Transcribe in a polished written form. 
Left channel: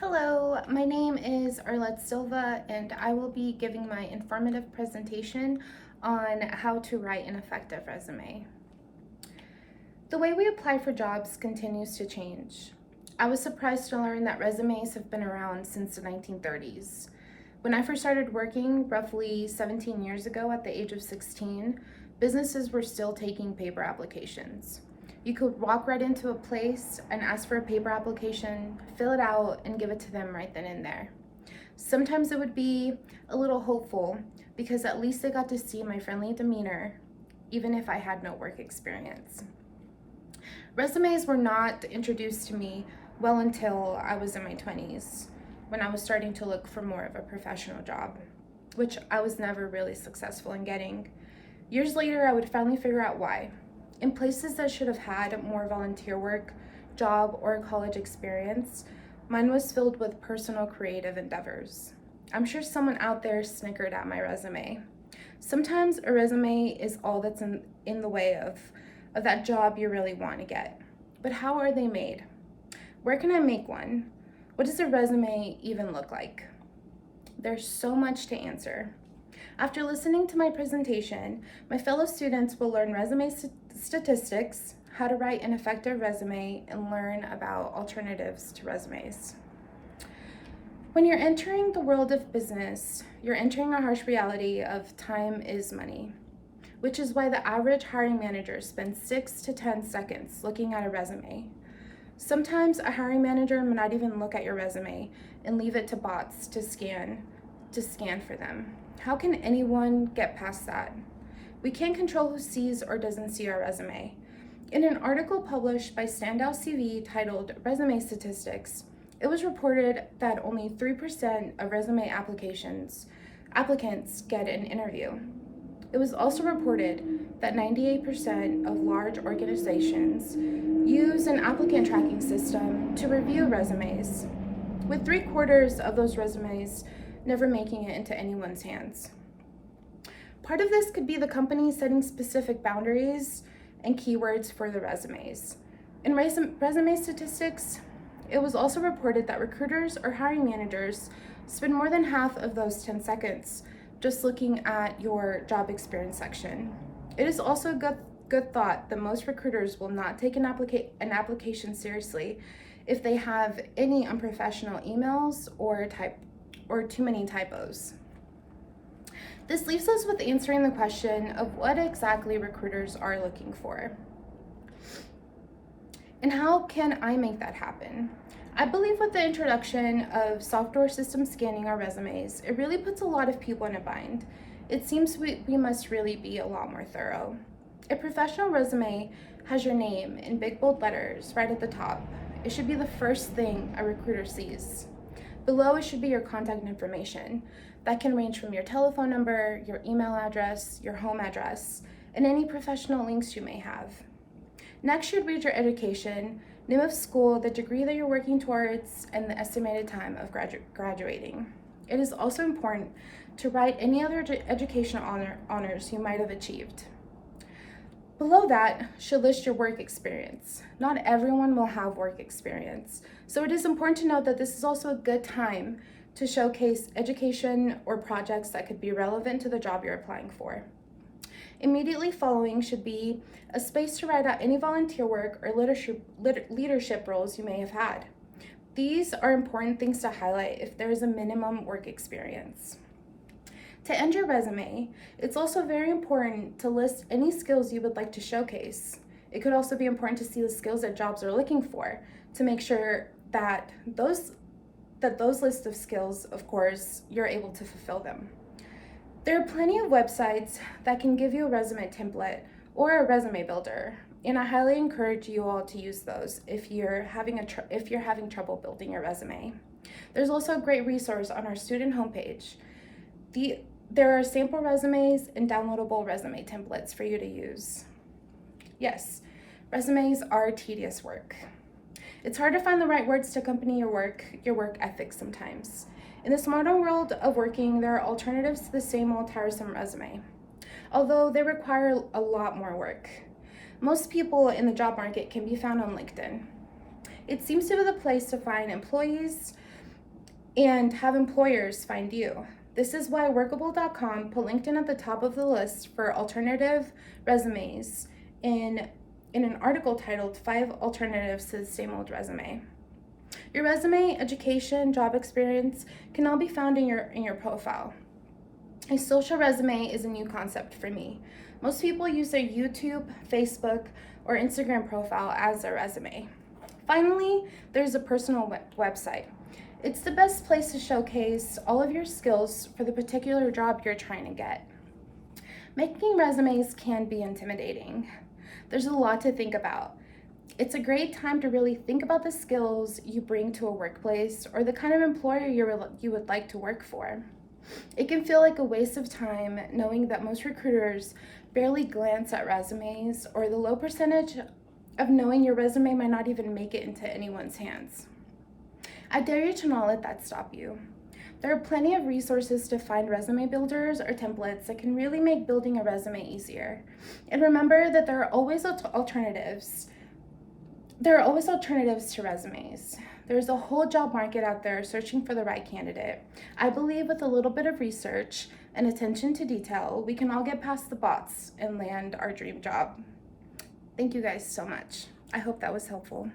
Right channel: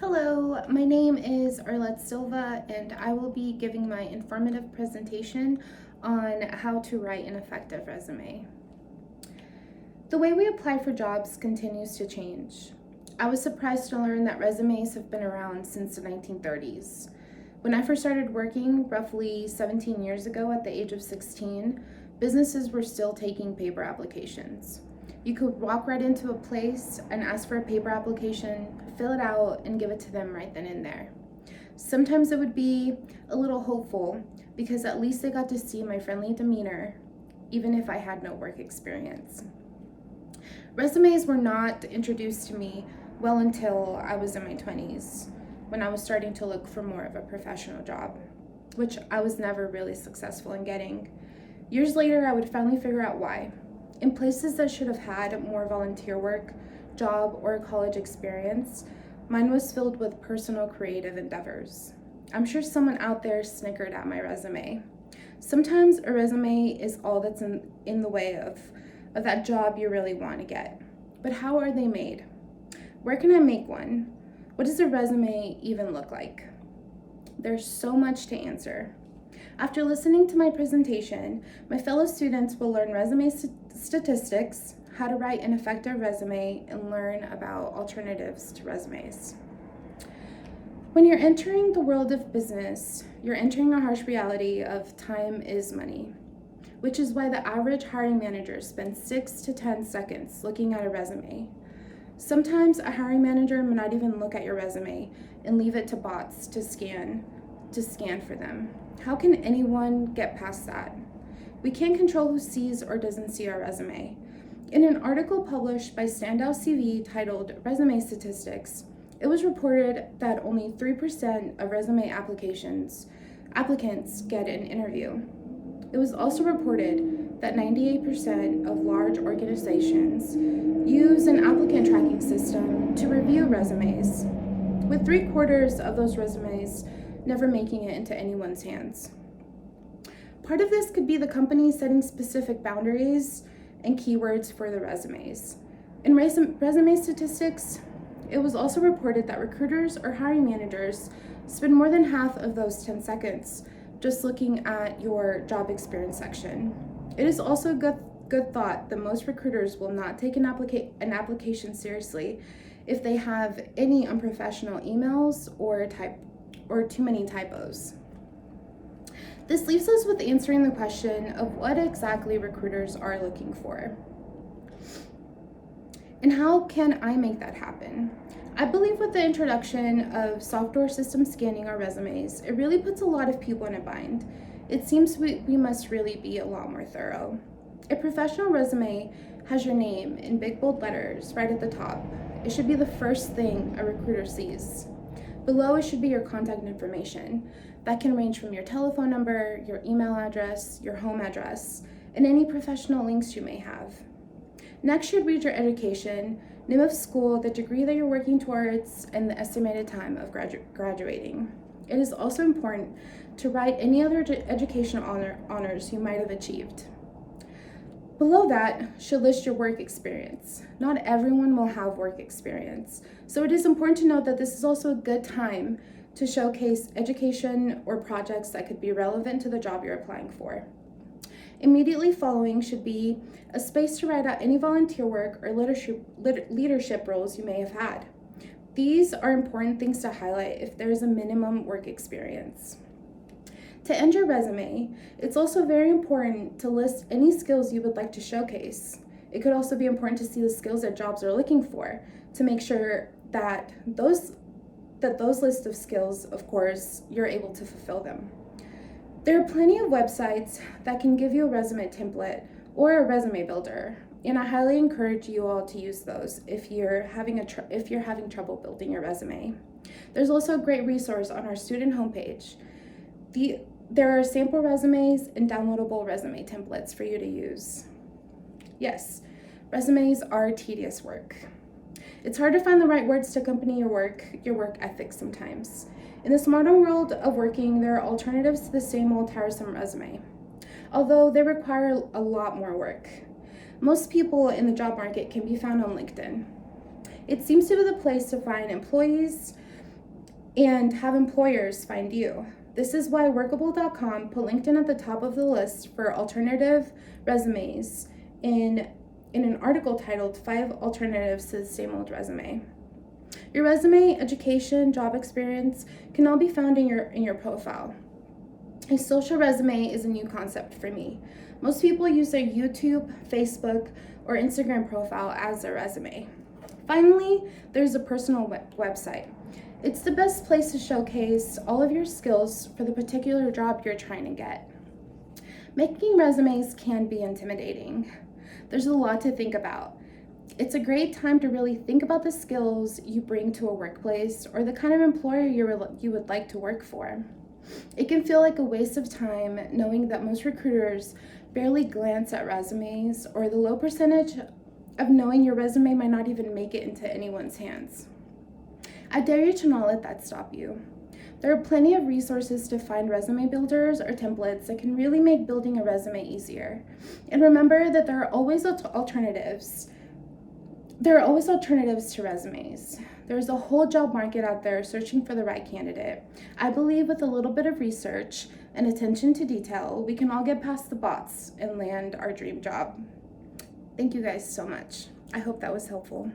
Hello, my name is Arlette Silva, and I will be giving my informative presentation on how to write an effective resume. The way we apply for jobs continues to change. I was surprised to learn that resumes have been around since the 1930s. When I first started working, roughly 17 years ago at the age of 16, businesses were still taking paper applications. You could walk right into a place and ask for a paper application, fill it out, and give it to them right then and there. Sometimes it would be a little hopeful because at least they got to see my friendly demeanor, even if I had no work experience. Resumes were not introduced to me well until I was in my 20s, when I was starting to look for more of a professional job, which I was never really successful in getting. Years later, I would finally figure out why. In places that should have had more volunteer work, job, or a college experience, mine was filled with personal creative endeavors. I'm sure someone out there snickered at my resume. Sometimes a resume is all that's in the way of that job you really want to get. But how are they made? Where can I make one? What does a resume even look like? There's so much to answer. After listening to my presentation, my fellow students will learn resume statistics, how to write an effective resume, and learn about alternatives to resumes. When you're entering the world of business, you're entering a harsh reality of time is money, which is why the average hiring manager spends 6 to 10 seconds looking at a resume. Sometimes a hiring manager may not even look at your resume and leave it to bots to scan for them. How can anyone get past that? We can't control who sees or doesn't see our resume. In an article published by Standout CV titled Resume Statistics, it was reported that only 3% of resume applicants get an interview. It was also reported that 98% of large organizations use an applicant tracking system to review resumes, with 3/4 of those resumes never making it into anyone's hands. Part of this could be the company setting specific boundaries and keywords for the resumes. In resume statistics, it was also reported that recruiters or hiring managers spend more than half of those 10 seconds just looking at your job experience section. It is also a good thought that most recruiters will not take an application seriously if they have any unprofessional emails or too many typos. This leaves us with answering the question of what exactly recruiters are looking for. And how can I make that happen? I believe with the introduction of software system scanning our resumes, it really puts a lot of people in a bind. It seems we must really be a lot more thorough. A professional resume has your name in big bold letters right at the top. It should be the first thing a recruiter sees. Below it should be your contact information. That can range from your telephone number, your email address, your home address, and any professional links you may have. Next should read your education, name of school, the degree that you're working towards, and the estimated time of graduating. It is also important to write any other educational honors you might have achieved. Below that should list your work experience. Not everyone will have work experience, so it is important to note that this is also a good time to showcase education or projects that could be relevant to the job you're applying for. Immediately following should be a space to write out any volunteer work or leadership roles you may have had. These are important things to highlight if there is a minimum work experience. To end your resume, it's also very important to list any skills you would like to showcase. It could also be important to see the skills that jobs are looking for to make sure that those lists of skills, of course, you're able to fulfill them. There are plenty of websites that can give you a resume template or a resume builder, and I highly encourage you all to use those if you're having trouble building your resume. There's also a great resource on our student homepage. There are sample resumes and downloadable resume templates for you to use. Yes, resumes are tedious work. It's hard to find the right words to accompany your work ethic sometimes. In this modern world of working, there are alternatives to the same old tiresome resume, although they require a lot more work. Most people in the job market can be found on LinkedIn. It seems to be the place to find employees and have employers find you. This is why Workable.com put LinkedIn at the top of the list for alternative resumes in an article titled 5 Alternatives to the Same Old Resume. Your resume, education, job experience can all be found in your profile. A social resume is a new concept for me. Most people use their YouTube, Facebook, or Instagram profile as their resume. Finally, there's a personal website. It's the best place to showcase all of your skills for the particular job you're trying to get. Making resumes can be intimidating. There's a lot to think about. It's a great time to really think about the skills you bring to a workplace or the kind of employer you would like to work for. It can feel like a waste of time knowing that most recruiters barely glance at resumes, or the low percentage of knowing your resume might not even make it into anyone's hands. I dare you to not let that stop you. There are plenty of resources to find resume builders or templates that can really make building a resume easier. And remember that there are always alternatives. There are always alternatives to resumes. There's a whole job market out there searching for the right candidate. I believe with a little bit of research and attention to detail, we can all get past the bots and land our dream job. Thank you guys so much. I hope that was helpful.